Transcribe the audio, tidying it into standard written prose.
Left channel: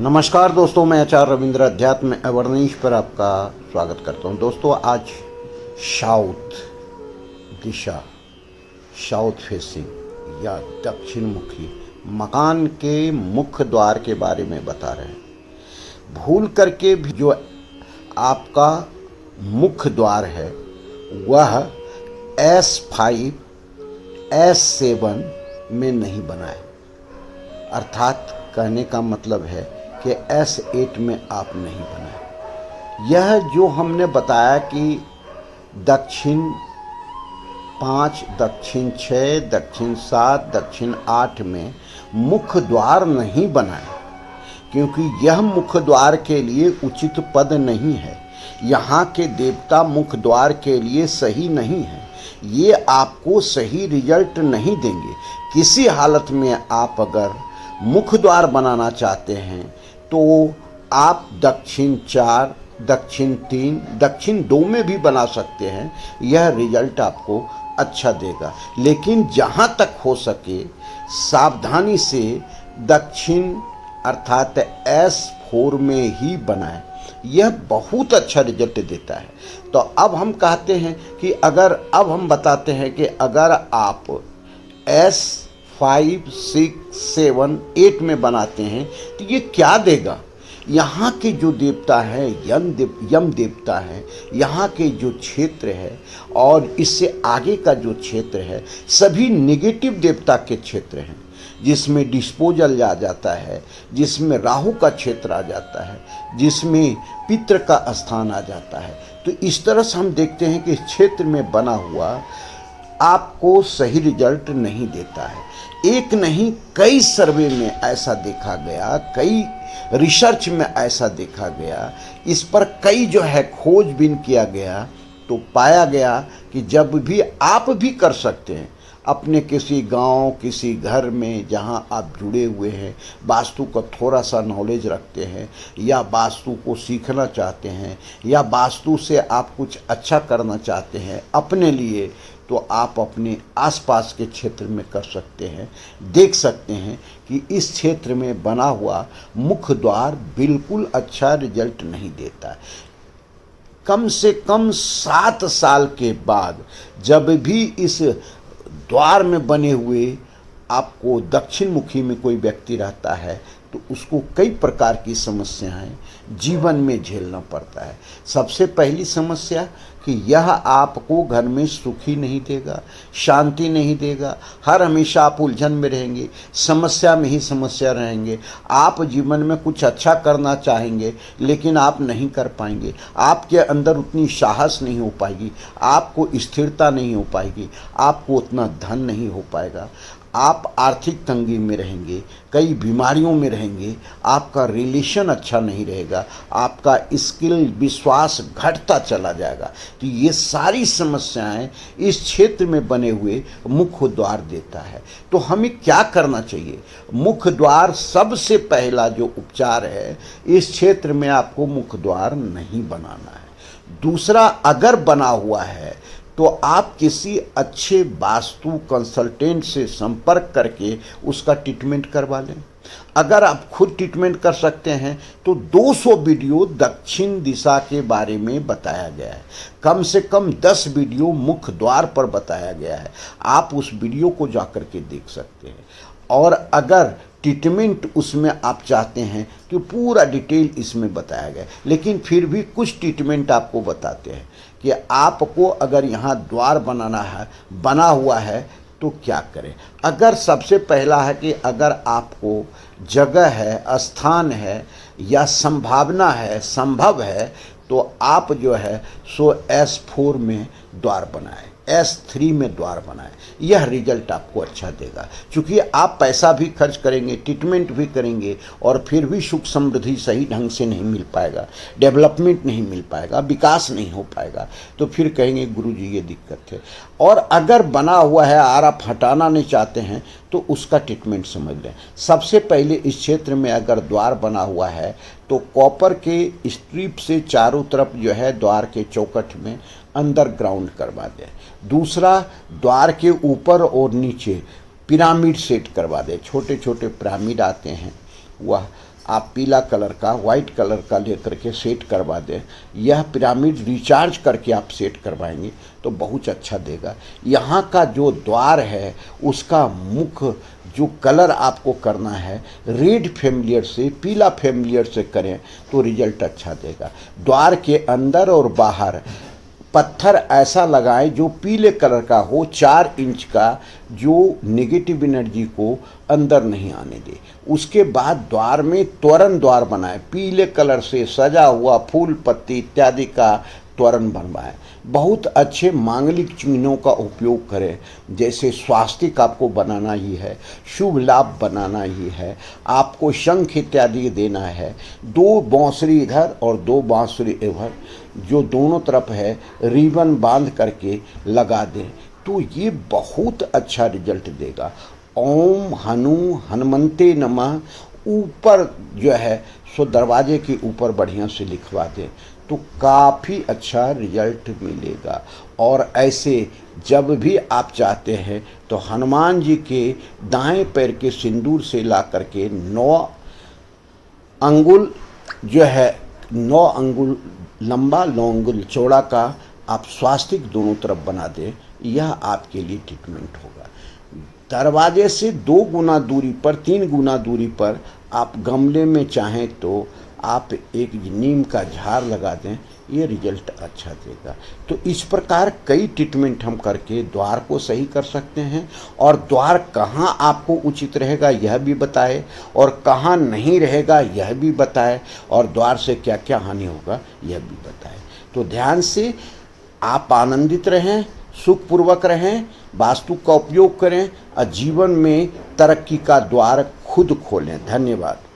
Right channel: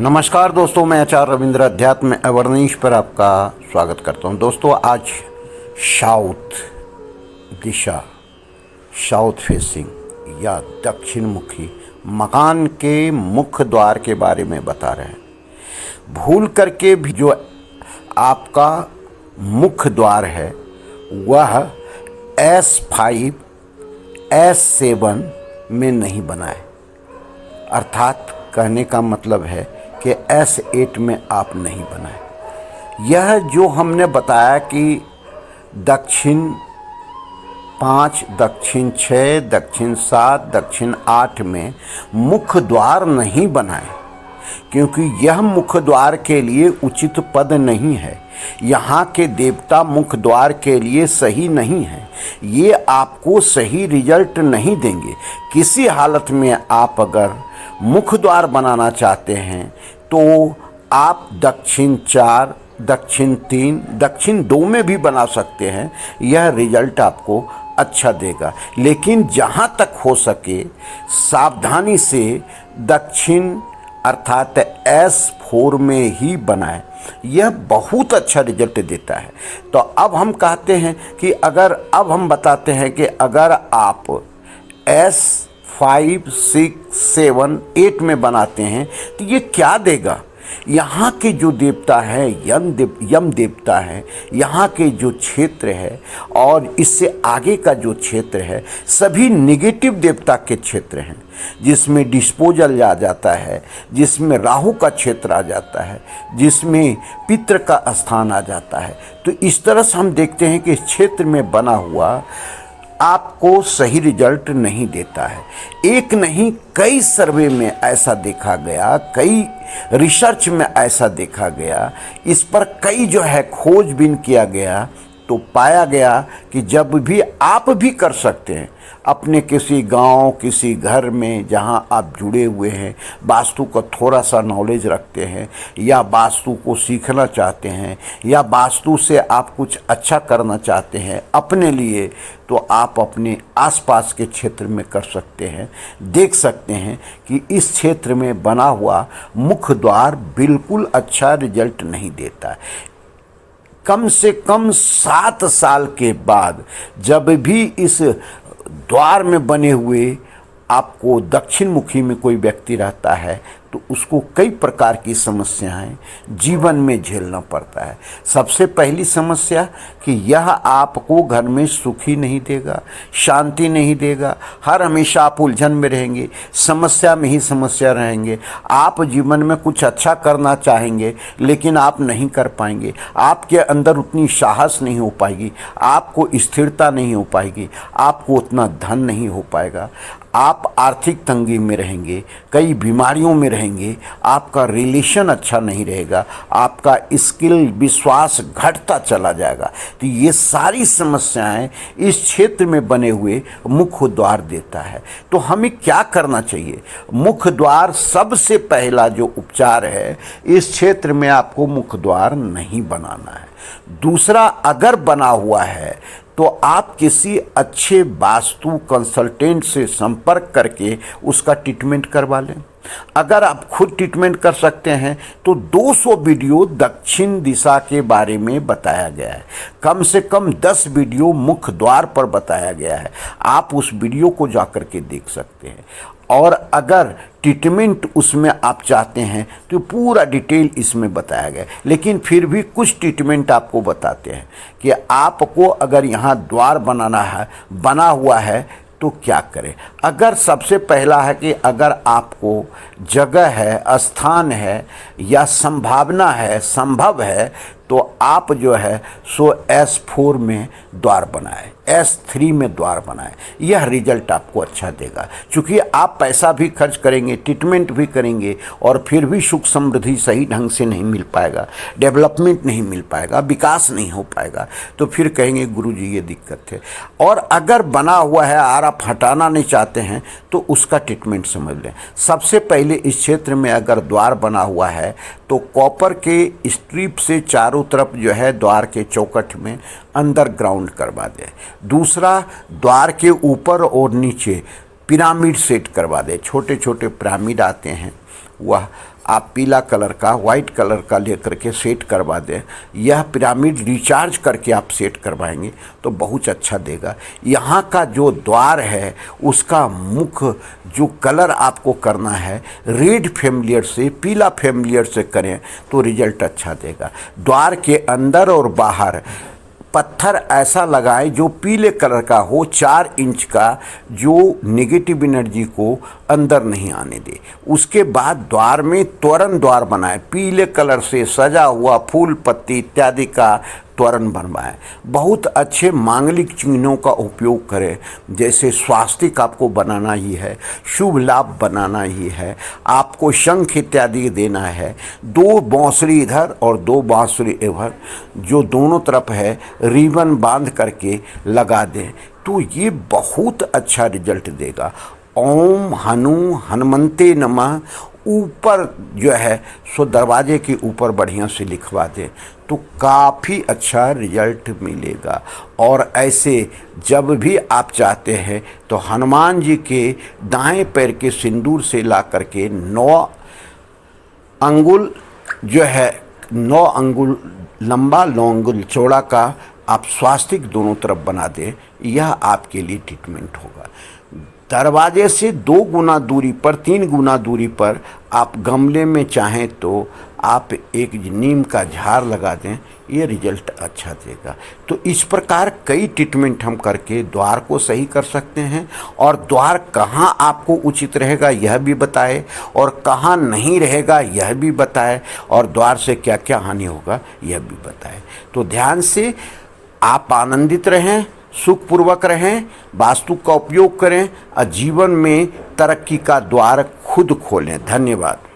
नमस्कार दोस्तों, मैं आचार्य रविंद्र अध्यात्म अवर्नीश पर आपका स्वागत करता हूं। दोस्तों, आज साउथ दिशा, साउथ फेसिंग या दक्षिण मुखी मकान के मुख्य द्वार के बारे में बता रहे हैं। भूल करके भी जो आपका मुख्य द्वार है वह S5 S7 में नहीं बना है, अर्थात कहने का मतलब है कि S8 में आप नहीं बनाए। यह जो हमने बताया कि दक्षिण 5, दक्षिण 6, दक्षिण 7, दक्षिण 8 में मुख्य द्वार नहीं बनाए, क्योंकि यह मुख्य द्वार के लिए उचित पद नहीं है। यहाँ के देवता मुख्य द्वार के लिए सही नहीं है। ये आपको सही रिजल्ट नहीं देंगे। किसी हालत में आप अगर मुख्य द्वार बनाना चाहते हैं तो आप दक्षिण 4, दक्षिण 3, दक्षिण 2 में भी बना सकते हैं। यह रिजल्ट आपको अच्छा देगा, लेकिन जहाँ तक हो सके सावधानी से दक्षिण अर्थात S4 में ही बनाएं। यह बहुत अच्छा रिजल्ट देता है। तो अब हम कहते हैं कि अब हम बताते हैं कि अगर आप S5, 6, 7, 8 में बनाते हैं तो ये क्या देगा। यहाँ के जो देवता है यम देवता है, यहाँ के जो क्षेत्र है और इससे आगे का जो क्षेत्र है सभी नेगेटिव देवता के क्षेत्र हैं, जिसमें डिस्पोजल आ जाता है, जिसमें राहु का क्षेत्र आ जाता है, जिसमें पितृ का स्थान आ जाता है। तो इस तरह से हम देखते हैं कि इस क्षेत्र में बना हुआ आपको सही रिजल्ट नहीं देता है। एक नहीं कई सर्वे में ऐसा देखा गया, कई रिसर्च में ऐसा देखा गया, इस पर कई जो है खोजबीन किया गया, तो पाया गया कि जब भी आप भी कर सकते हैं अपने किसी गांव, किसी घर में जहां आप जुड़े हुए हैं, वास्तु का थोड़ा सा नॉलेज रखते हैं या वास्तु को सीखना चाहते हैं या वास्तु से आप कुछ अच्छा करना चाहते हैं अपने लिए, तो आप अपने आसपास के क्षेत्र में कर सकते हैं। देख सकते हैं कि इस क्षेत्र में बना हुआ मुख्य द्वार बिल्कुल अच्छा रिजल्ट नहीं देता है। कम से कम 7 साल के बाद जब भी इस द्वार में बने हुए आपको दक्षिण मुखी में कोई व्यक्ति रहता है तो उसको कई प्रकार की समस्याएं जीवन में झेलना पड़ता है। सबसे पहली समस्या कि यह आपको घर में सुखी नहीं देगा, शांति नहीं देगा। हर हमेशा आप उलझन में रहेंगे, समस्या में ही समस्या रहेंगे। आप जीवन में कुछ अच्छा करना चाहेंगे लेकिन आप नहीं कर पाएंगे। आपके अंदर उतनी साहस नहीं हो पाएगी, आपको स्थिरता नहीं हो पाएगी, आपको उतना धन नहीं हो पाएगा। आप आर्थिक तंगी में रहेंगे, कई बीमारियों में रहेंगे, आपका रिलेशन अच्छा नहीं रहेगा, आपका स्किल विश्वास घटता चला जाएगा। तो ये सारी समस्याएं इस क्षेत्र में बने हुए मुख्य द्वार देता है। तो हमें क्या करना चाहिए? मुख्य द्वार सबसे पहला जो उपचार है, इस क्षेत्र में आपको मुख्य द्वार नहीं बनाना है। दूसरा, अगर बना हुआ है तो आप किसी अच्छे वास्तु कंसल्टेंट से संपर्क करके उसका ट्रीटमेंट करवा लें। अगर आप खुद ट्रीटमेंट कर सकते हैं तो 200 वीडियो दक्षिण दिशा के बारे में बताया गया है। कम से कम 10 वीडियो मुख्य द्वार पर बताया गया है। आप उस वीडियो को जाकर के देख सकते हैं। और अगर ट्रीटमेंट उसमें आप चाहते हैं तो पूरा डिटेल इसमें बताया गया है। लेकिन फिर भी कुछ ट्रीटमेंट आपको बताते हैं कि आपको अगर यहाँ द्वार बना हुआ है तो क्या करें। अगर सबसे पहला है कि अगर आपको जगह है, स्थान है या संभावना है, संभव है, तो आप जो है सो S4 में द्वार बनाए, S3 में द्वार बनाए। यह रिजल्ट आपको अच्छा देगा। क्योंकि आप पैसा भी खर्च करेंगे, ट्रीटमेंट भी करेंगे और फिर भी सुख समृद्धि सही ढंग से नहीं मिल पाएगा, डेवलपमेंट नहीं मिल पाएगा, विकास नहीं हो पाएगा। तो फिर कहेंगे गुरुजी ये दिक्कत है। और अगर बना हुआ है और आप हटाना नहीं चाहते हैं तो उसका ट्रीटमेंट समझ लें। सबसे पहले इस क्षेत्र में अगर द्वार बना हुआ है तो कॉपर के स्ट्रिप से चारों तरफ जो है द्वार के चौखट में अंडरग्राउंड करवा दें। दूसरा, द्वार के ऊपर और नीचे पिरामिड सेट करवा दें। छोटे छोटे पिरामिड आते हैं, वह आप पीला कलर का, वाइट कलर का लेकर के सेट करवा दें। यह पिरामिड रिचार्ज करके आप सेट करवाएंगे तो बहुत अच्छा देगा। यहाँ का जो द्वार है उसका मुख जो कलर आपको करना है रेड फैमिलियर से, पीला फैमिलियर से करें तो रिजल्ट अच्छा देगा। द्वार के अंदर और बाहर पत्थर ऐसा लगाएं जो पीले कलर का हो, 4 इंच का, जो नेगेटिव एनर्जी को अंदर नहीं आने दे। उसके बाद द्वार में तोरण द्वार बनाएं, पीले कलर से सजा हुआ फूल पत्ती इत्यादि का तोरण बनवाएं। बहुत अच्छे मांगलिक चिन्हों का उपयोग करें, जैसे स्वास्तिक आपको बनाना ही है, शुभ लाभ बनाना ही है, आपको शंख इत्यादि देना है। 2 बांसुरी इधर और 2 बांसुरी इधर, जो दोनों तरफ है रिबन बांध करके लगा दें तो ये बहुत अच्छा रिजल्ट देगा। ओम हनुमंते नमः ऊपर जो है सो दरवाजे के ऊपर बढ़िया से लिखवा दें तो काफ़ी अच्छा रिजल्ट मिलेगा। और ऐसे जब भी आप चाहते हैं तो हनुमान जी के दाएं पैर के सिंदूर से ला करके 9 अंगुल जो है, 9 अंगुल लंबा 9 अंगुल चौड़ा का आप स्वास्तिक दोनों तरफ बना दें, यह आपके लिए ट्रीटमेंट होगा। दरवाजे से 2 गुना दूरी पर, 3 गुना दूरी पर आप गमले में चाहें तो आप एक नीम का झाड़ लगा दें, ये रिजल्ट अच्छा देगा। तो इस प्रकार कई ट्रीटमेंट हम करके द्वार को सही कर सकते हैं और द्वार कहाँ आपको उचित रहेगा यह भी बताए और कहाँ नहीं रहेगा यह भी बताए और द्वार से क्या क्या हानि होगा यह भी बताए। तो ध्यान से आप आनंदित रहें, सुखपूर्वक रहें, वास्तु का उपयोग करें और जीवन में तरक्की का द्वार खुद खोलें। धन्यवाद।